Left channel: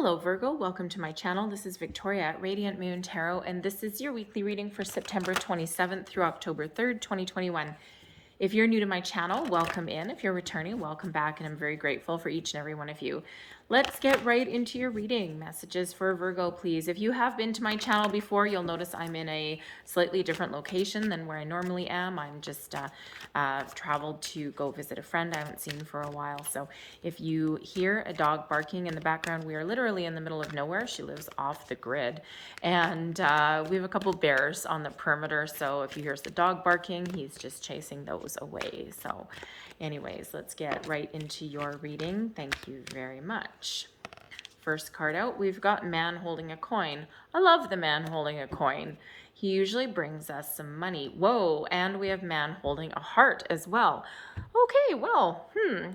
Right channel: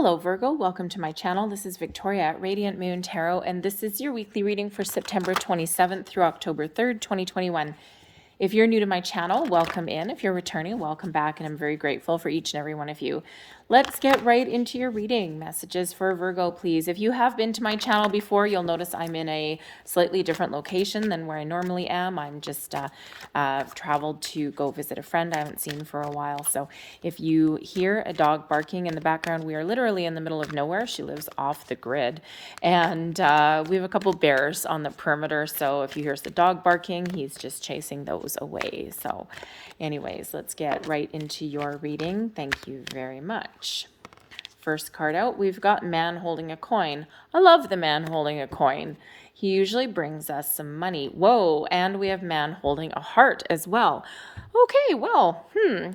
Hello Virgo, welcome to my channel. This is Victoria at Radiant Moon Tarot, and this is your weekly reading for September 27th through October 3rd, 2021. If you're new to my channel, welcome in. If you're returning, welcome back, and I'm very grateful for each and every one of you. Let's get right into your reading. Messages for Virgo, please. If you have been to my channel before, you'll notice I'm in a slightly different location than where I normally am. I'm just traveled to go visit a friend I haven't seen for a while. So if you hear a dog barking in the background, we are literally in the middle of nowhere. She lives off the grid. And we have a couple bears on the perimeter. So if you hear the dog barking, he's just chasing those away. So anyways, let's get right into your reading. Thank you very much. First card out, we've got man holding a coin. I love the man holding a coin. He usually brings us some money. Whoa, and we have man holding a heart as well. Okay, well,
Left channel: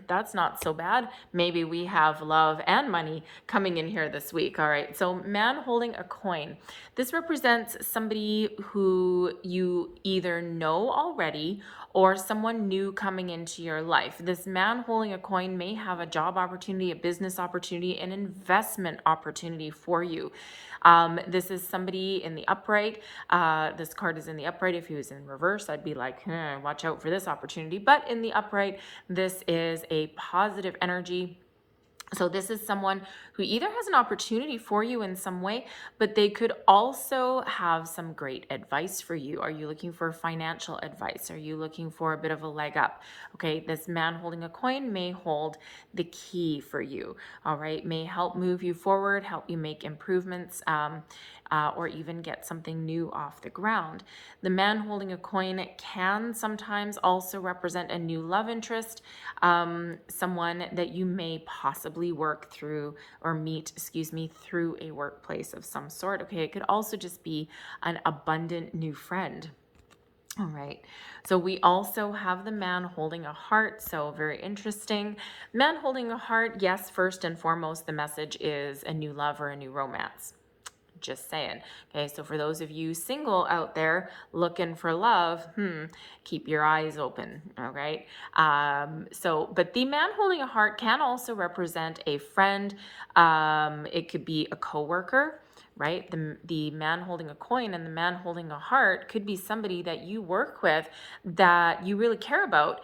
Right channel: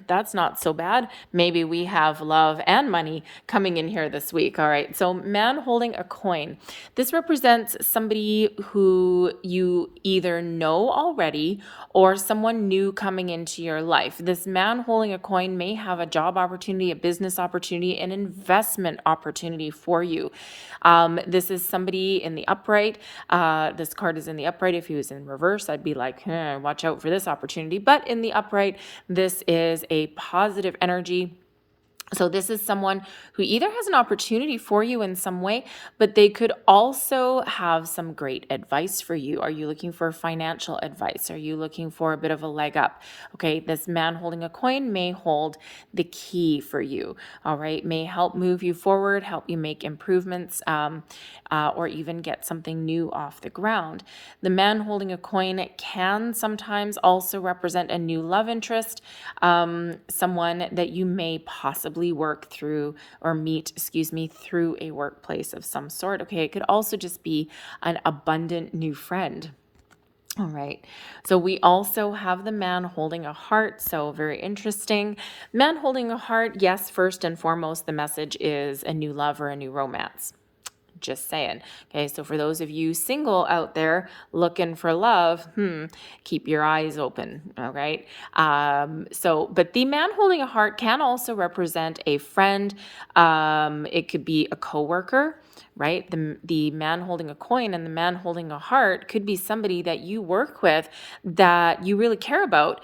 that's not so bad. Maybe we have love and money coming in here this week. All right, so man holding a coin. This represents somebody who you either know already or someone new coming into your life. This man holding a coin may have a job opportunity, a business opportunity, an investment opportunity for you. This is somebody in the upright. This card is in the upright. If he was in reverse, I'd be like, watch out for this opportunity. But in the upright, this is a positive energy. So this is someone who either has an opportunity for you in some way, but they could also have some great advice for you. Are you looking for financial advice? Are you looking for a bit of a leg up? Okay, this man holding a coin may hold the key for you, all right? May help move you forward, help you make improvements, or even get something new off the ground. The man holding a coin can sometimes also represent a new love interest, someone that you may possibly work through or meet, through a workplace of some sort. Okay, it could also just be an abundant new friend. All right, so we also have the man holding a heart, so very interesting. Man holding a heart, yes, first and foremost, the message is a new love or a new romance. Just saying. Okay, so for those of you single out there looking for love, keep your eyes open. All right. But the man holding a heart can also represent a friend. It could be a coworker, right? The man holding a coin and the man holding a heart could be somebody that you work with that you really care about,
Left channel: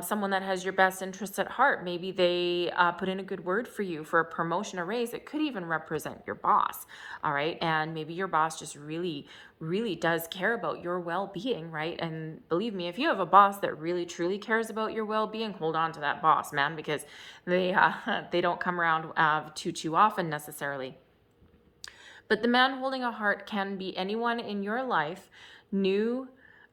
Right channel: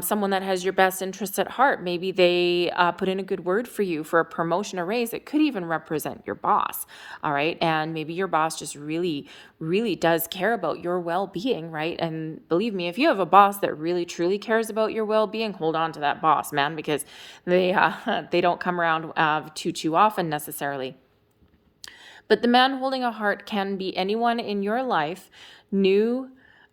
someone that has your best interests at heart. Maybe they put in a good word for you for a promotion or raise. It could even represent your boss, all right? And maybe your boss just really, really does care about your well-being, right? And believe me, if you have a boss that really, truly cares about your well-being, hold on to that boss, man, because they don't come around too often necessarily. But the man holding a heart can be anyone in your life, new,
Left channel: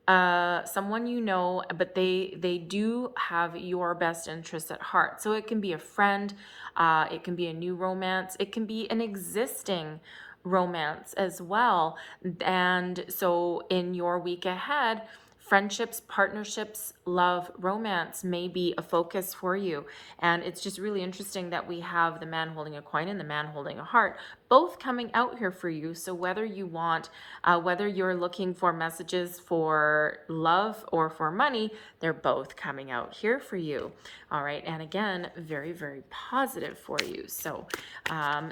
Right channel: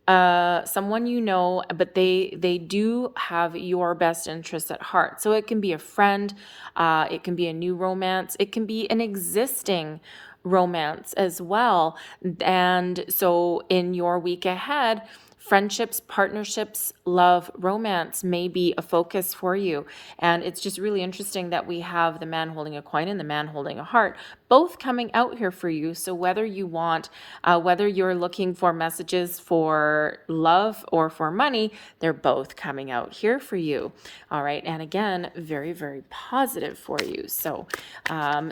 someone you know, but they do have your best interest at heart. So it can be a friend, it can be a new romance, it can be an existing romance as well. And so in your week ahead, friendships, partnerships, love, romance may be a focus for you. And it's just really interesting that we have the man holding a coin and the man holding a heart, both coming out here for you. So whether you want, whether you're looking for messages for love or for money, they're both coming out here for you. All right. And again, very, very positive for you. So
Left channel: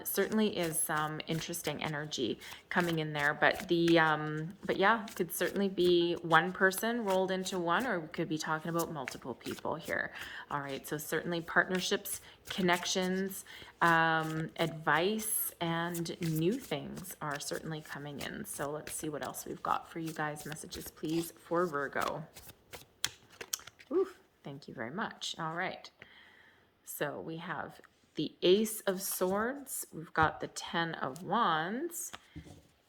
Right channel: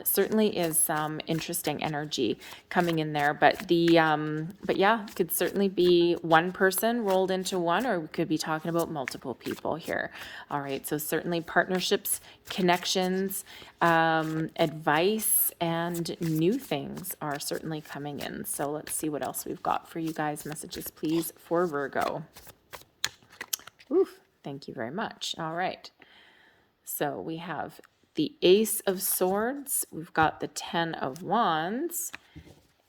certainly is some interesting energy coming in there. But yeah, it could certainly be one person rolled into one, or we could be talking about multiple people here. All right, so certainly partnerships, connections, advice, and new things are certainly coming in. So let's see what else we've got for you guys. Messages, please, for Virgo. Oof, thank you very much. All right, so we have the Ace of Swords. We've got the Ten of Wands.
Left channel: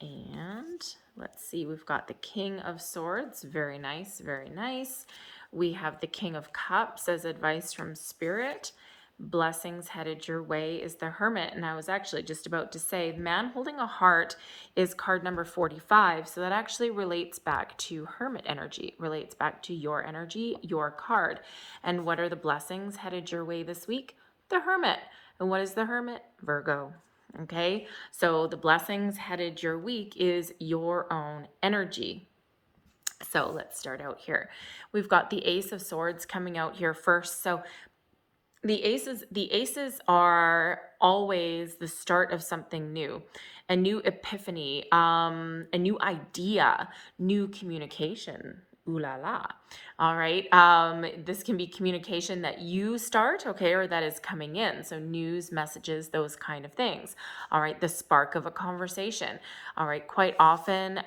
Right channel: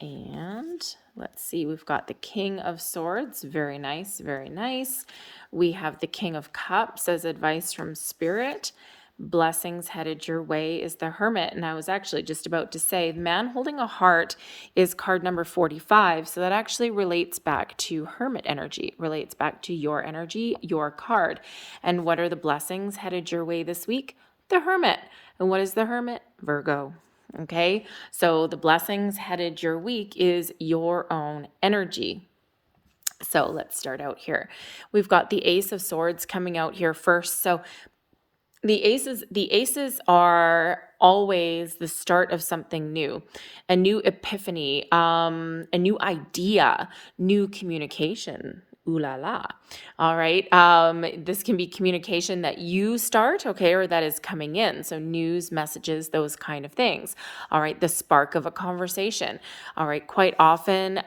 And let's see, we've got the King of Swords. Very nice, very nice. We have the King of Cups as advice from Spirit. Blessings headed your way is the Hermit. And I was actually just about to say, man holding a heart is card number 45. So that actually relates back to Hermit energy, relates back to your energy, your card. And what are the blessings headed your way this week? The Hermit. And what is the Hermit? Virgo. Okay, so the blessings headed your week is your own energy. So let's start out here. We've got the Ace of Swords coming out here first. So The aces are always the start of something new, a new epiphany, a new idea, new communication. Ooh la la. All right. This can be communication that you start, okay, or that is coming in. So news, messages, those kind of things. All right. The spark of a conversation. All right. Quite often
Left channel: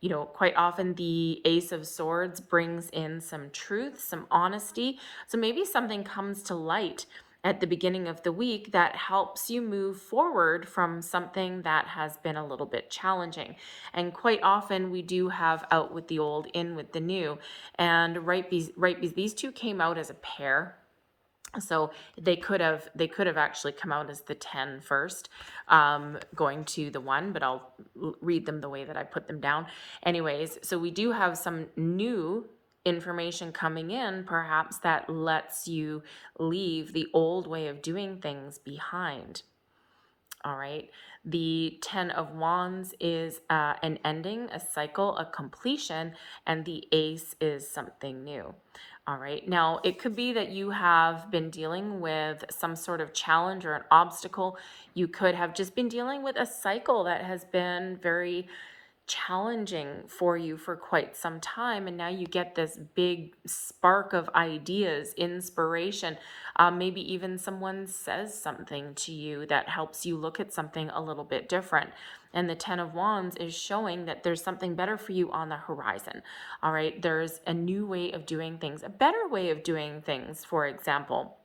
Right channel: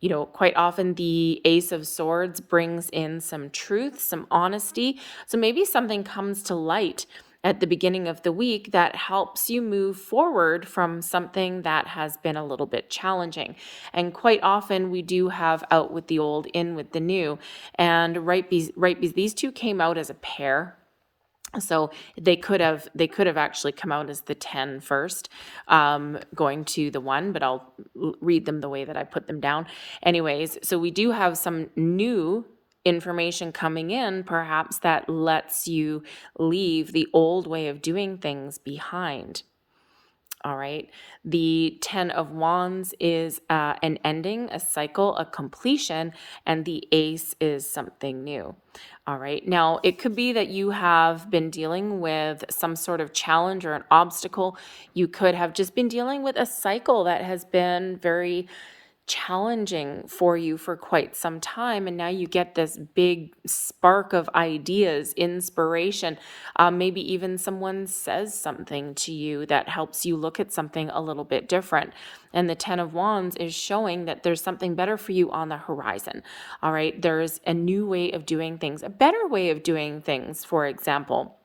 the Ace of Swords brings in some truth, some honesty. So maybe something comes to light at the beginning of the week that helps you move forward from something that has been a little bit challenging. And quite often we do have out with the old, in with the new. And these two came out as a pair. So they could have actually come out as the 10 first, going to the 1, but I'll read them the way that I put them down. Anyways, so we do have some new information coming in, perhaps that lets you leave the old way of doing things behind. All right. The 10 of Wands is an ending, a cycle, a completion, and the Ace is something new. All right. Now, it could be that you have been dealing with some sort of challenge or an obstacle. You could have just been dealing with a cycle that has been very challenging for you for quite some time, and now you get this big spark of ideas, inspiration. Maybe even someone says something to you that helps you look at something a little bit different, and the 10 of Wands is showing that there's something better for you on the horizon. All right, there's a new way of doing things, a better way of doing things. For example,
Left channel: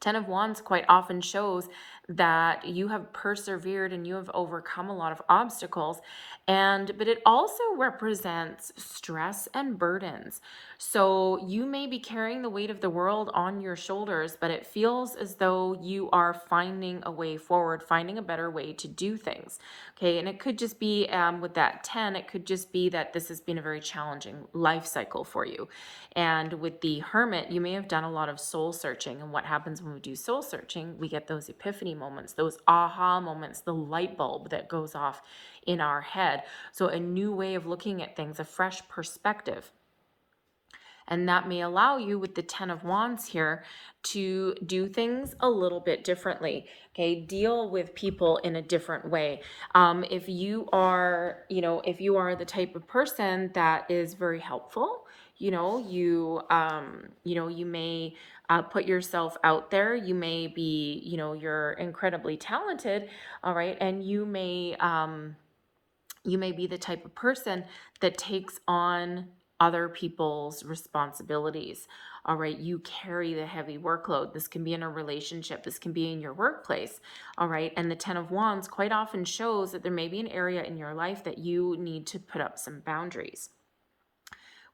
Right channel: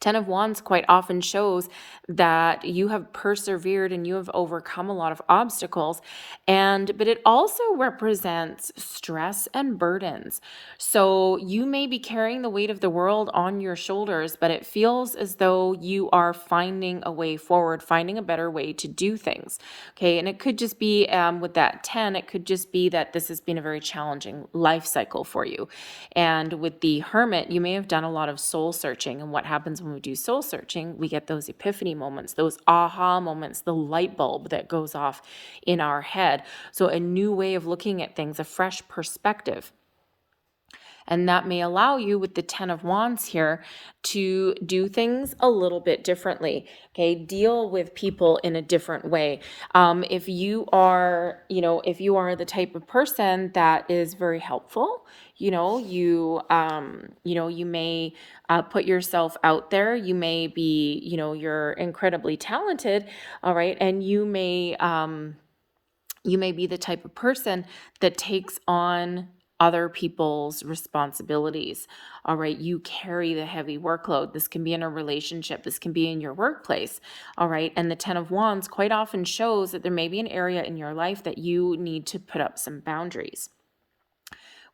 10 of Wands quite often shows that you have persevered and you have overcome a lot of obstacles, but it also represents stress and burdens. So you may be carrying the weight of the world on your shoulders, but it feels as though you are finding a way forward, finding a better way to do things. Okay, and it could just be with that 10, it could just be that this has been a very challenging life cycle for you. And with the Hermit, you may have done a lot of soul searching. And what happens when we do soul searching? We get those epiphany moments, those aha moments, the light bulb that goes off in our head. So a new way of looking at things, a fresh perspective. And that may allow you, with the 10 of Wands here, to do things a little bit differently. Okay, deal with people in a different way. If you are the type of person that is very helpful, you may put yourself out there. You may be, you're incredibly talented, all right, and you may be the type of person that takes on other people's responsibilities. All right, you carry the heavy workload. This can be in a relationship, this can be in your workplace. All right, and the 10 of Wands quite often shows that there may be an area in your life that you need to put up some boundaries.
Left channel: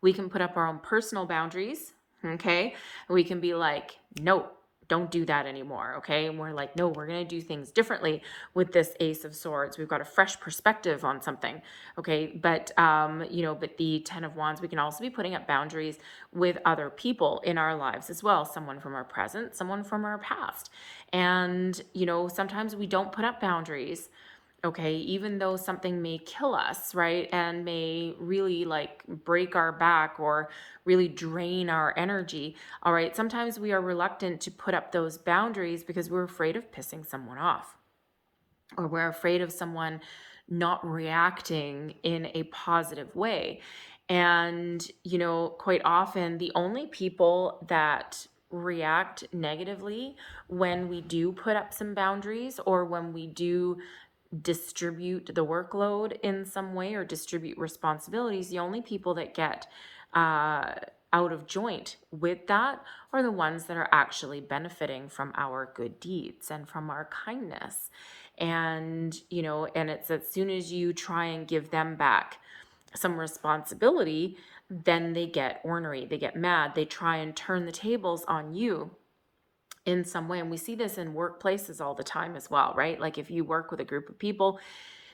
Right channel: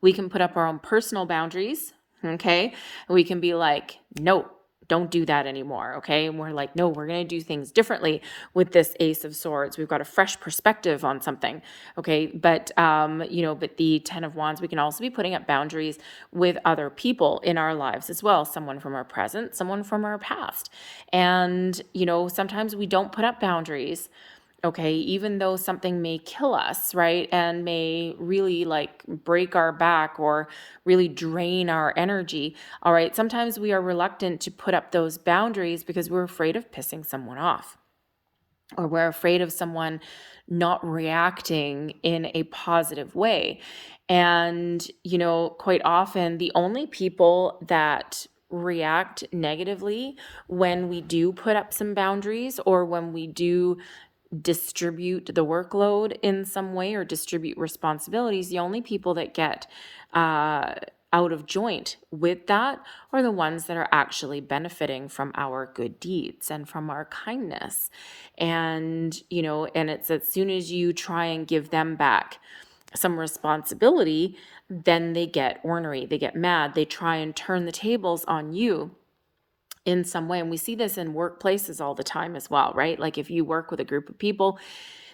We can put up our own personal boundaries, okay? We can be like, no, don't do that anymore, okay? And we're like, no, we're going to do things differently with this Ace of Swords. We've got a fresh perspective on something, okay? But the 10 of Wands, we can also be putting up boundaries with other people in our lives as well, someone from our present, someone from our past. And sometimes we don't put up boundaries, okay, even though something may kill us, right, and may really break our back or really drain our energy. All right, sometimes we are reluctant to put up those boundaries because we're afraid of pissing someone off, or we're afraid of someone not reacting in a positive way. And quite often the only people that react negatively when we do put up some boundaries, or when we do distribute the workload in some way or distribute responsibilities, the only people that get out of joint with that are the ones that are actually benefiting from our good deeds and from our kindness. And it's as soon as you try and give them back some responsibility, then they get ornery, they get mad, they try and turn the tables on you in some way. And we see this in workplaces all the time as well, right? Like if you work with a group of people,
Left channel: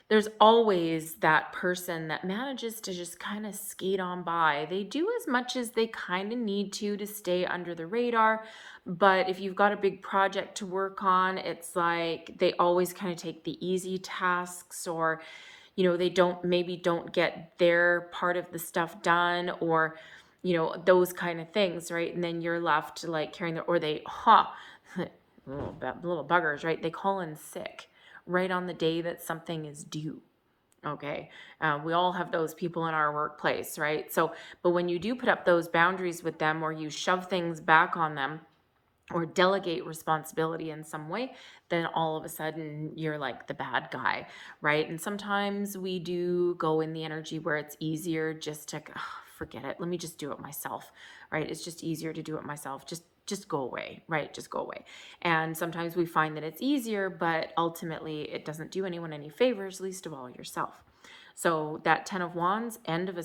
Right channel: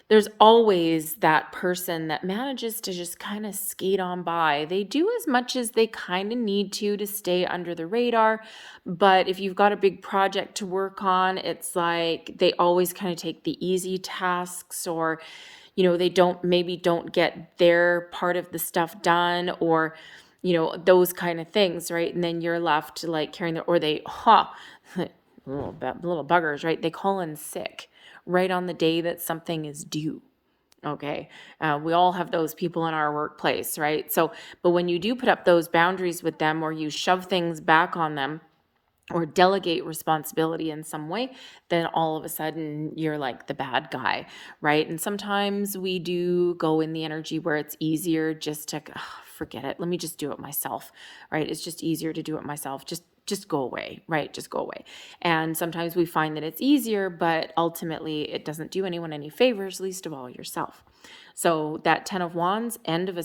there's always that person that manages to just kind of skate on by. They do as much as they kind of need to stay under the radar. But if you've got a big project to work on, it's like they always kind of take the easy tasks, or they don't get their part of the stuff done, or you know, those kind of things, right? And then you're left like carrying the, or they, little buggers, right? They call in sick right on the day that something is due. Okay. We all have those people in our workplace, right? So, but when you do put up those boundaries with them, or you shove things back on them, or delegate responsibility in some way, then all of a sudden you're like the bad guy, right? And sometimes we do go in the energy where it's easier just to forget it. Let me just do it myself, right? It's just easier to do it myself. Just go away, right? Just go away. And sometimes we find that it's easier, but ultimately it doesn't do anyone any favors, least of all yourself. So that 10 of Wands, end of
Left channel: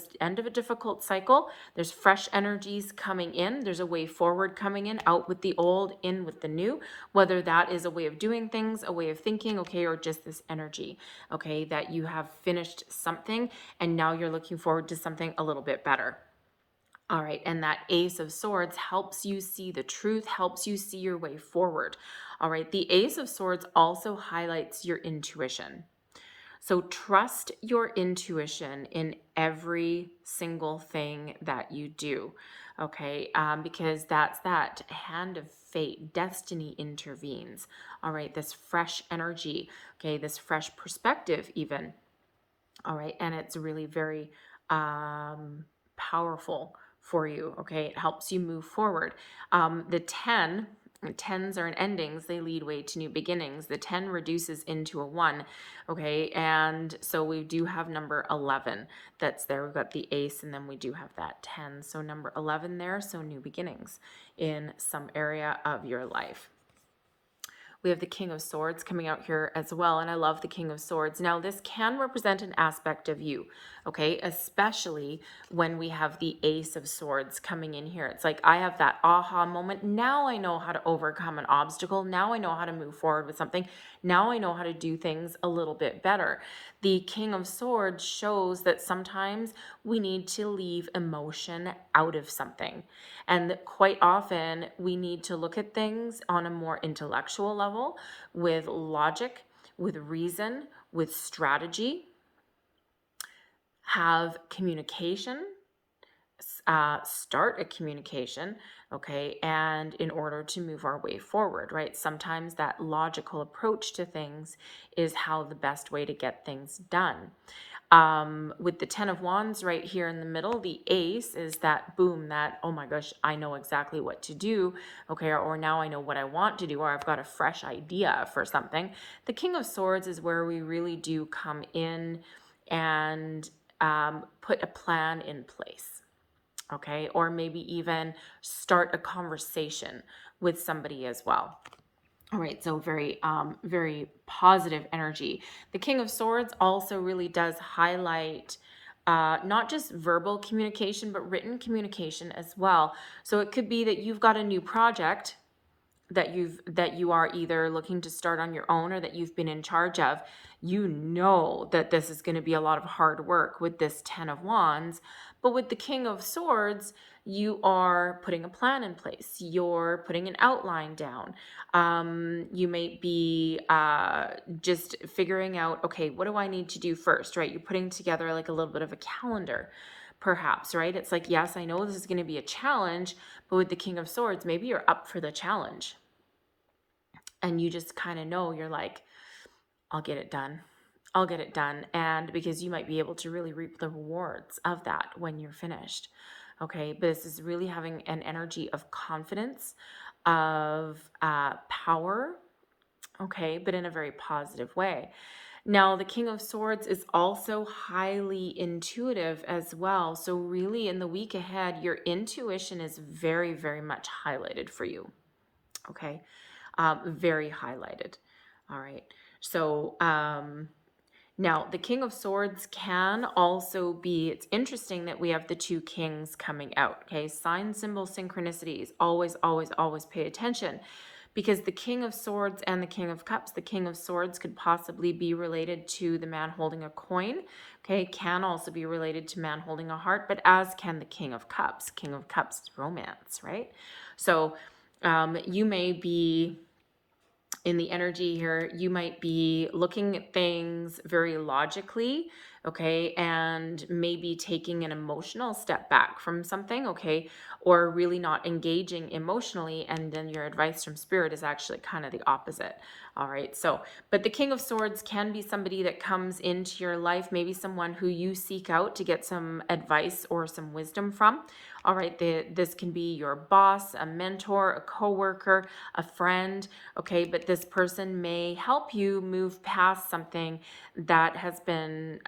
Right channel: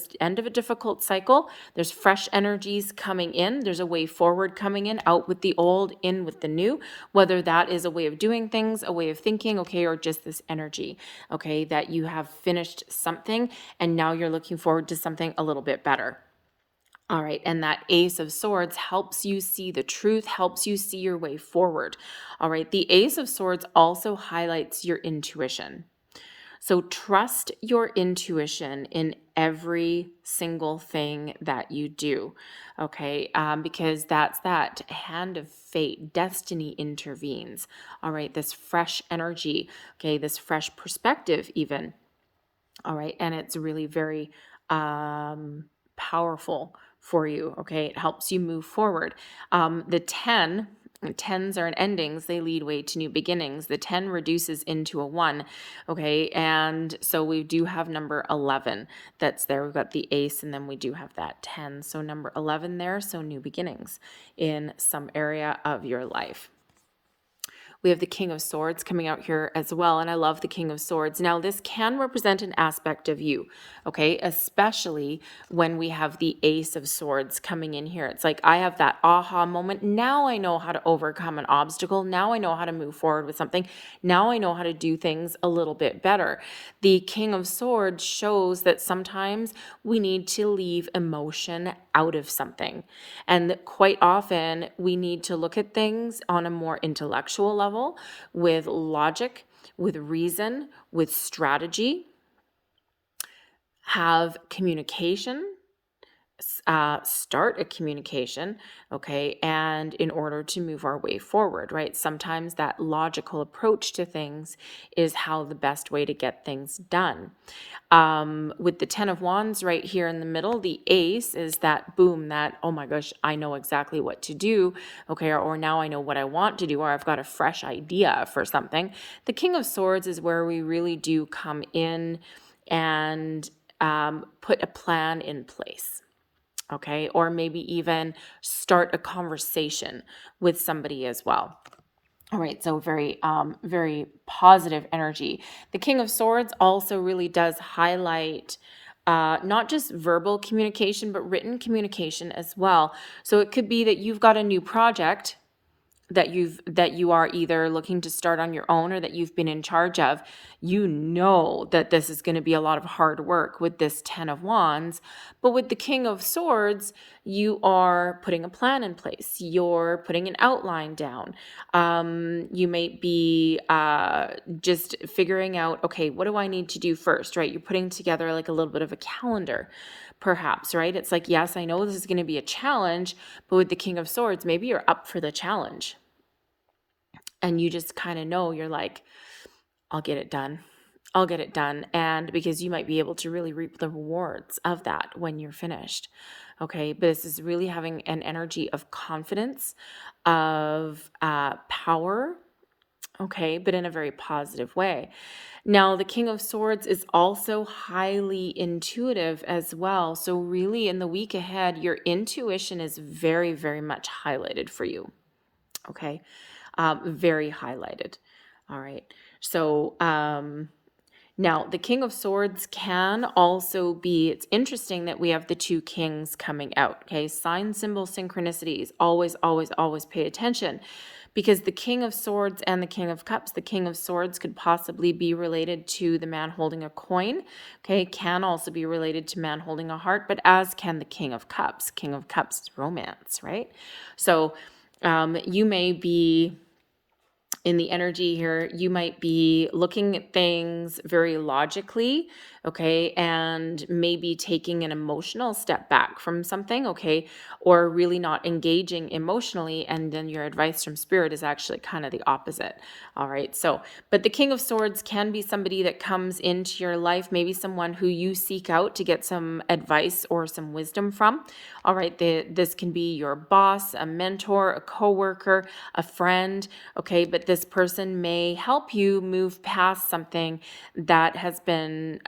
a difficult cycle. There's fresh energies coming in. There's a way forward coming in, out with the old, in with the new, whether that is a way of doing things, a way of thinking, okay, or just this energy, okay, that you have finished something and now you're looking forward to something a little bit better. All right, and that Ace of Swords helps you see the truth, helps you see your way forward. All right, the Ace of Swords also highlights your intuition. So trust your intuition in every single thing that you do, okay? Because that's that hand of fate, destiny intervenes. All right, this fresh energy, okay, this fresh perspective even. All right, and it's really very powerful for you, okay? It helps you move forward. The 10, tens are endings, they lead way to new beginnings. The 10 reduces into a 1, okay? And so we do have number 11 that's there. We've got the ace, and then we do have that 10. So number 11 there, so new beginnings in some area of your life. We have the King of Swords coming out here as well, and I love the King of Swords. Now, this can represent an aspect of you, okay? Especially when we have the Ace of Swords coming in here. It's like I have that aha moment. Now I know how to overcome an obstacle. Now I know how to move forward with something. Now I know how to do things a little bit better. The King of Swords shows that sometimes we need to leave emotion out of something. And quite often we need to look at things on a more intellectual level, with logic, with reason, with strategy, have communication, start a communication, okay, and in order to move our way forward, right? Sometimes that logical approach to things is how the best way to get things done. With the 10 of Wands right here in the middle, the ace is that boom, that, oh my gosh, I know exactly what to do, okay, or now I know what I want to do, or I've got a fresh idea for something. The King of Swords is where we really do come in and put a plan in place. Okay, or maybe even start a conversation with somebody as well. All right, so very positive energy. The King of Swords also really does highlight not just verbal communication, but written communication as well. So it could be that you've got a new project that you are either looking to start on your own or that you've been in charge of. You know that this is going to be a lot of hard work with this 10 of Wands, but with the King of Swords, you are putting a plan in place. You're putting an outline down. You may be just figuring out, okay, what do I need to do first, right? You're putting together like a little bit of a calendar, perhaps, right? It's like, yes, I know this is going to be a challenge, but with the King of Swords, maybe you're up for the challenge. And you just kind of know, you're like, I'll get it done. I'll get it done. And because you might be able to really reap the rewards of that when you're finished. Okay. But this is really having an energy of confidence, of power. Okay. But in a very positive way. Now, the King of Swords is also highly intuitive as well. So really in the week ahead, your intuition is very, very much highlighted for you. Okay. Very highlighted. All right. So now the King of Swords can also be, it's interesting that we have the two kings coming out. Okay. Sign, symbol, synchronicities. Always, always, always pay attention. Because the King of Swords and the King of Cups, the King of Swords could possibly be related to the man holding a coin, okay, can also be related to man holding a heart, but as can the King of Cups. King of Cups is romance, right? So you may be in the energy here, you might be looking at things very logically, okay, and maybe taking an emotional step back from something, okay, or really not engaging emotionally. And then your advice from spirit is actually kind of the opposite. All right. So, but the King of Swords can be somebody that comes into your life, maybe someone who you seek out to get some advice or some wisdom from. All right. This can be your boss, a mentor, a coworker, a friend. Okay. But this person may help you move past something that has been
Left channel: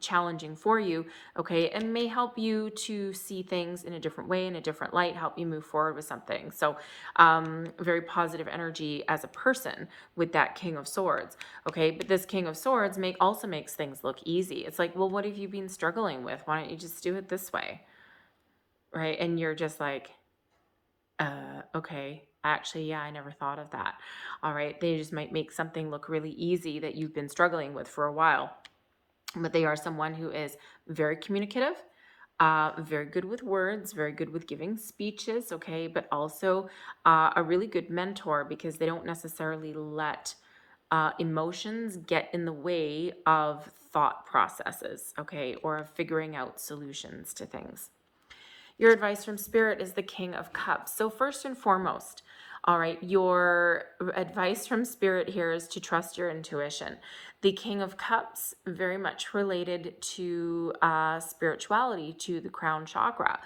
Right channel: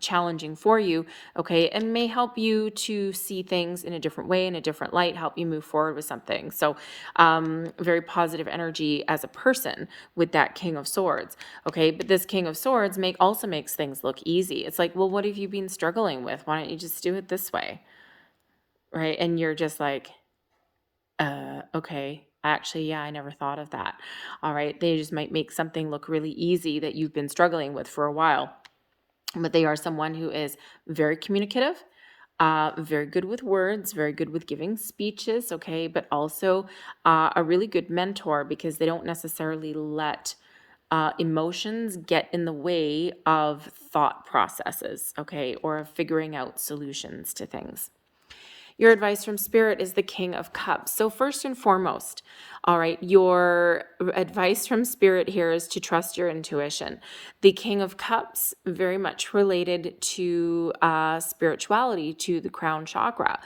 challenging for you. Okay. And may help you to see things in a different way, in a different light, help you move forward with something. So very positive energy as a person with that King of Swords. Okay. But this King of Swords also makes things look easy. It's like, well, what have you been struggling with? Why don't you just do it this way? Right. And you're just like, okay, actually, yeah, I never thought of that. All right. They just might make something look really easy that you've been struggling with for a while. But they are someone who is very communicative, very good with words, very good with giving speeches, okay, but also a really good mentor because they don't necessarily let emotions get in the way of thought processes, okay, or figuring out solutions to things. Your advice from spirit is the King of Cups. So first and foremost, all right, your advice from spirit here is to trust your intuition. The King of Cups, very much related to spirituality, to the crown chakra.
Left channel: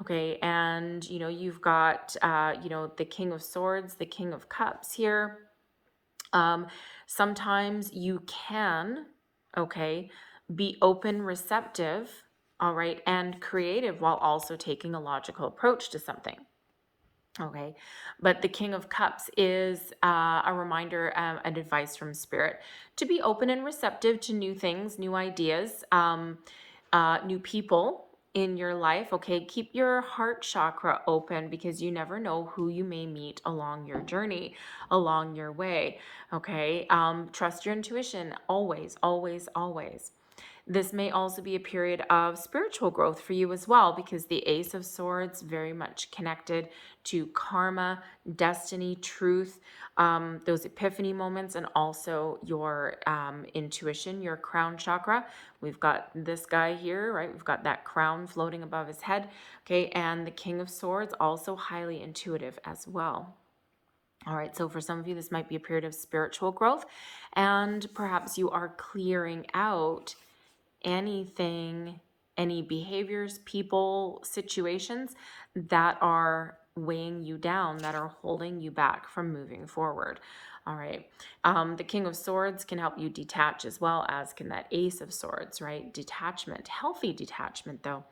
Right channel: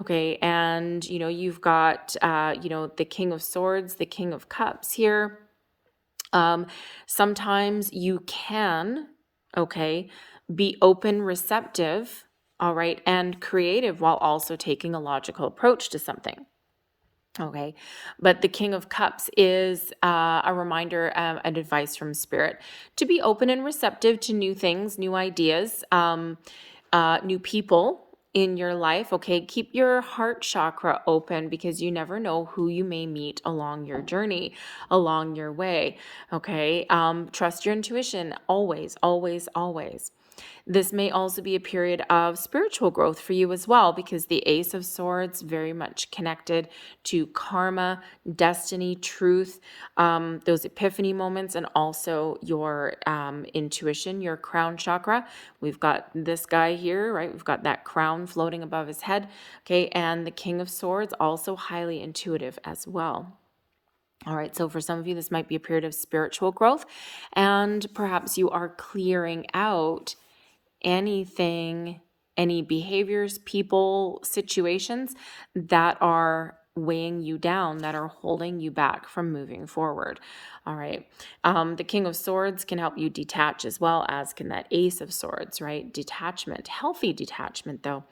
Okay, and you've got the King of Swords, the King of Cups here. Sometimes you can, okay, be open, receptive, all right, and creative while also taking a logical approach to something. Okay, but the King of Cups is a reminder and advice from spirit to be open and receptive to new things, new ideas, new people in your life. Okay, keep your heart chakra open because you never know who you may meet along your journey, along your way. Okay, trust your intuition always, always, always. This may also be a period of spiritual growth for you as well, because the Ace of Swords very much connected to karma, destiny, truth, those epiphany moments, and also your intuition, your crown chakra. We've got this guy here, right? We've got that crown floating above his head, okay? And the King of Swords, also highly intuitive as well. All right, so for some of you, this might be a period of spiritual growth, and perhaps you are clearing out anything, any behaviors, people, situations that are weighing you down, that are holding you back from moving forward. All right. The King of Swords can help you detach as well, as can that Ace of Swords, right? Detachment, healthy detachment though.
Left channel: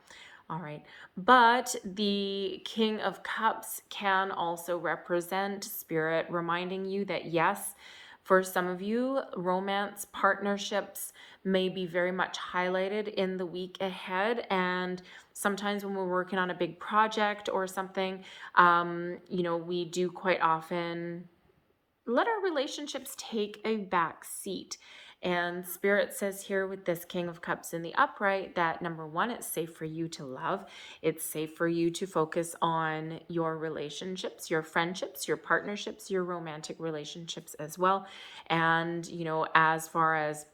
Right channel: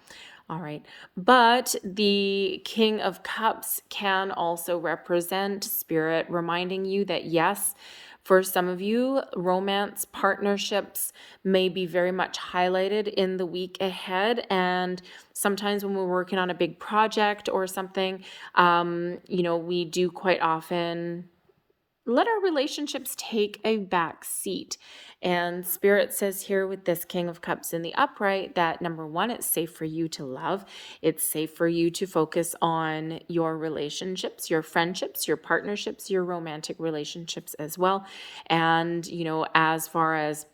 All right. But the King of Cups can also represent spirit, reminding you that yes, for some of you, romance partnerships may be very much highlighted in the week ahead. And sometimes when we're working on a big project or something, we do quite often let our relationships take a back seat. And Spirit says here with this King of Cups in the upright that number one, it's safe for you to love. It's safe for you to focus on your relationships, your friendships, your partnerships, your romantic relationships as well. And, as far as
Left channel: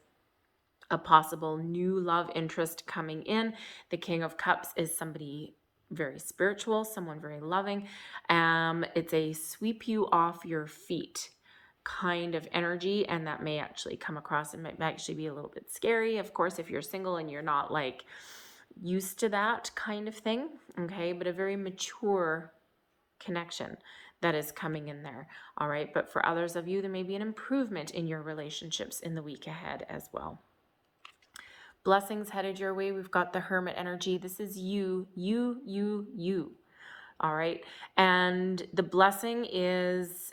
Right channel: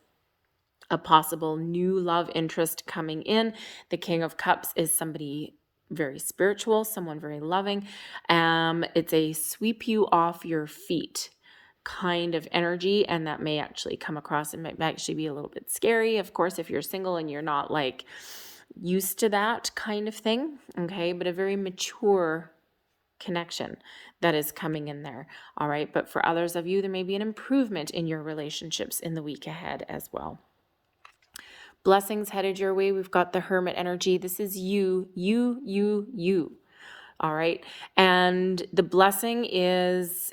a possible new love interest coming in, the King of Cups is somebody very spiritual, someone very loving. It's a sweep you off your feet kind of energy, and that may actually come across and might actually be a little bit scary, of course, if you're single and you're not like used to that kind of thing. Okay, but a very mature connection that is coming in there. All right, but for others of you, there may be an improvement in your relationships in the week ahead as well. Blessings headed your way. We've got the Hermit energy. This is you. All right, and the blessing is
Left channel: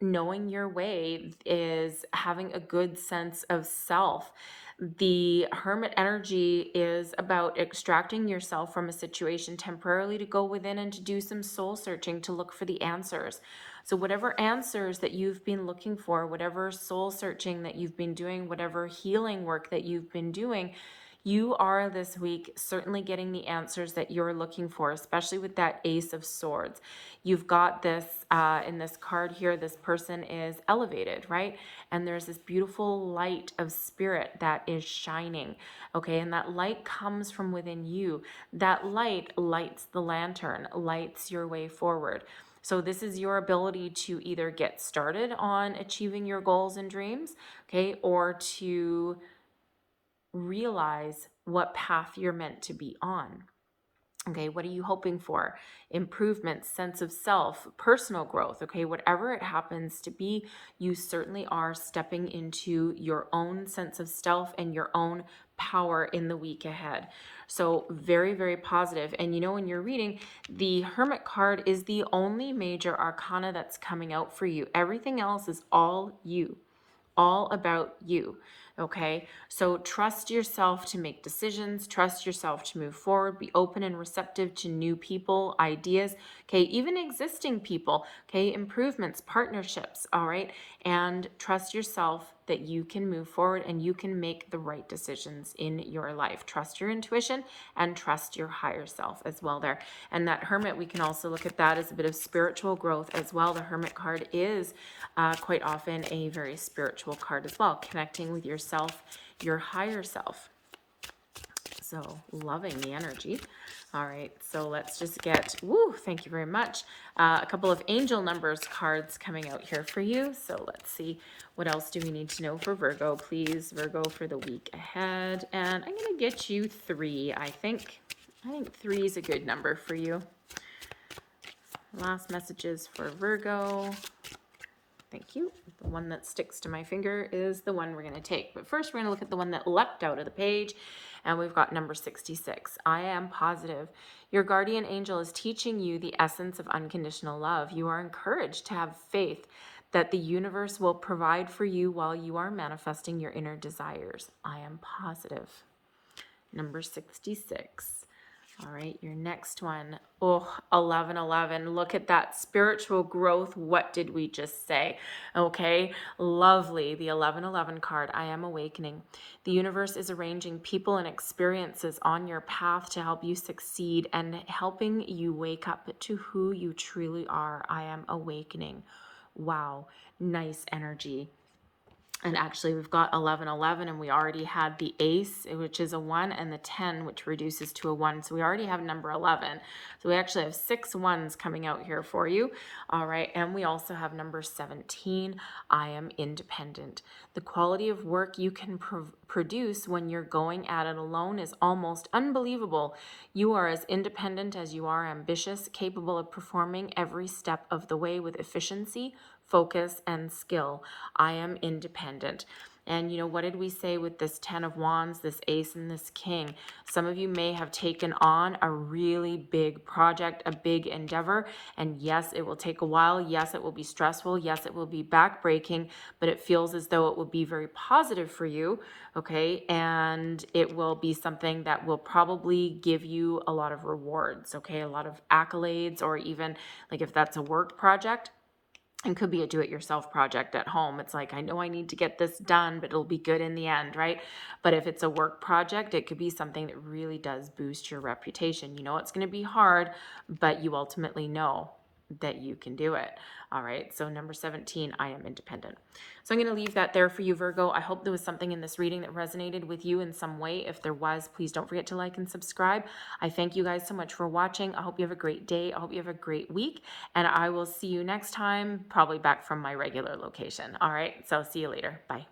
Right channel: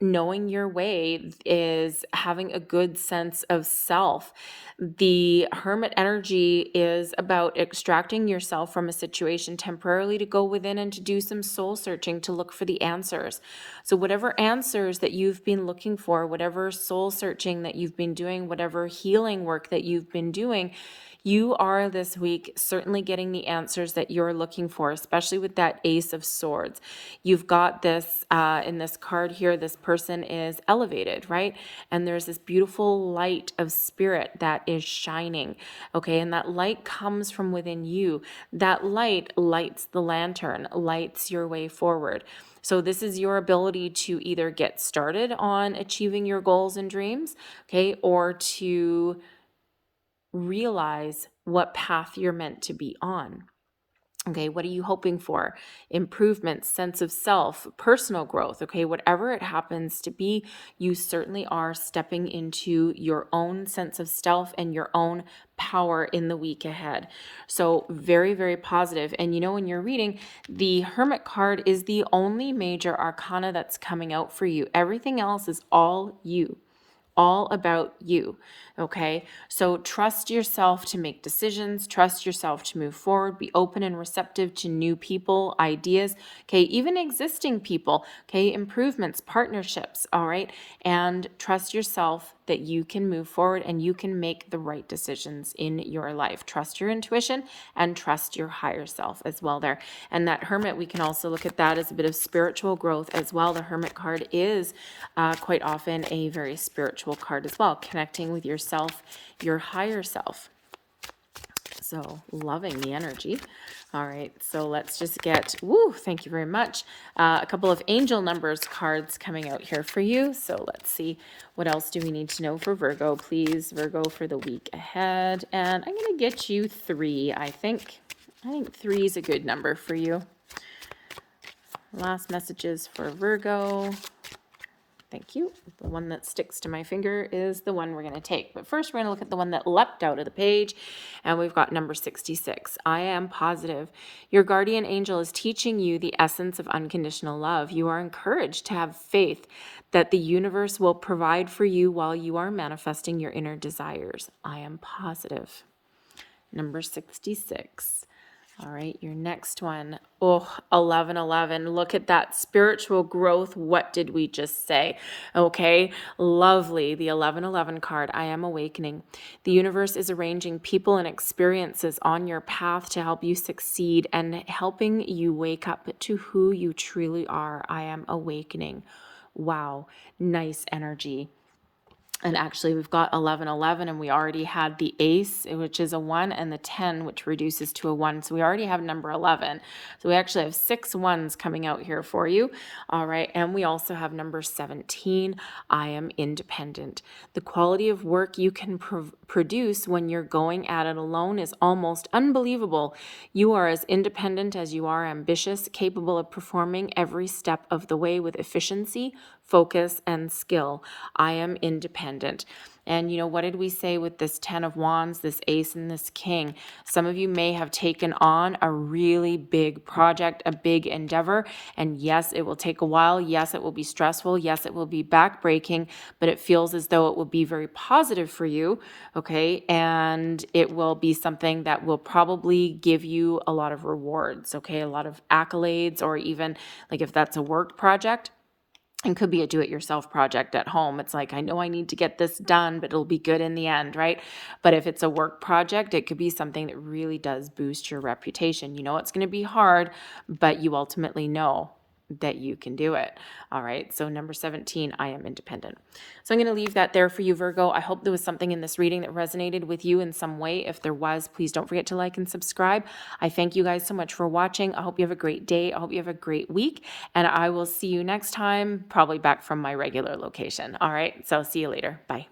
knowing your way, is having a good sense of self. The Hermit energy is about extracting yourself from a situation temporarily to go within and to do some soul searching to look for the answers. So whatever answers that you've been looking for, whatever soul searching that you've been doing, whatever healing work that you've been doing, You are this week certainly getting the answers that you're looking for, especially with that Ace of Swords. You've got this in this card here, this person is elevated, right? And there's this beautiful light of spirit that is shining, okay? And that light comes from within you. That light lights the lantern, lights your way forward. So this is your ability to either get started on achieving your goals and dreams, okay, or to realize what path you're meant to be on. Okay, what are you hoping for? Improvement, sense of self, personal growth. Okay, whatever it happens to be, you certainly are stepping into your own sense of self and your own power in the week ahead. So, very, very positive. And you know, when you're reading, the Hermit card is the only major arcana that's coming out for you. Everything else is all you, all about you. Okay, so trust yourself to make decisions, trust yourself to move forward, be open and receptive to new people, ideas, okay, even existing people, okay, improvements, partnerships, all right, and trust yourself that you can move forward and you can make the right decisions in your life. Trust your intuition and trust your higher self as well there. And that Hermit, we can also look at that as a bit of spiritual growth as well. The Hermit card is quite often a very spiritual card as well, connecting with yourself, your higher self. So loving the energy. All right, so let's just get, thank you very much. A couple of angel numbers cards coming out here for you. So let's see, what else do we need to know for Virgo? Please, Virgo, for the week ahead. And I'm going to get you 3, I think. I think 3 is a good number for you. Last messages for Virgo. Thank you. The one that sticks to my finger is the one we're going to take. But first, we're going to look at the one that leapt out of the page, and we've got number 66. I am positive. Your guardian angel is teaching you the essence of unconditional love. You are encouraged to have faith that the universe will provide for you while you are manifesting your inner desires. I am positive. Number 66. All right, your next one. 1111. Look at that spiritual growth. What did we just say? Okay, lovely. The 1111 card. I am awakening. The universe is arranging people and experiences on your path to help you succeed and helping you wake up to who you truly are. I am awakening. Wow, nice energy. And actually, we've got 1111, and we already had the ace, which is a 1, and the 10, which reduces to a 1. So we already have number 11. So we actually have 6 ones coming out here for you. All right. And we also have number 17. I am independent. The quality of work you can produce when you're going at it alone is almost unbelievable. You are as independent as you are ambitious, capable of performing every step of the way with efficiency, focus, and skill. I am independent. And you know, what did we say with this 10 of Wands, this Ace, and this King? Some of you may have taken on a really big project, a big endeavor. And yes, it will take a while. Yes, it will be stressful. Yes, it will be backbreaking, but it feels as though it will be very positive for you. Okay. And it will be something that will probably give you a lot of rewards. Okay. A lot of accolades, or even like if that's a work project, it could be a do-it-yourself project at home. It's like, I know I need to get this done, but it'll be good in the end, right? But if it's a work project, it could be something that really does boost your reputation. You know it's going to be hard, but you ultimately know that you can do it. All right. So number 17, I am independent. So I'm going to leave that there for you, Virgo. I hope there was something in this reading that resonated with you in some way. If there was, please don't forget to like and subscribe. I thank you guys so much for watching. I hope you have a great day. I hope you have a great week, and I will see you next time, probably back from my regular location. All right. So see you later. Bye.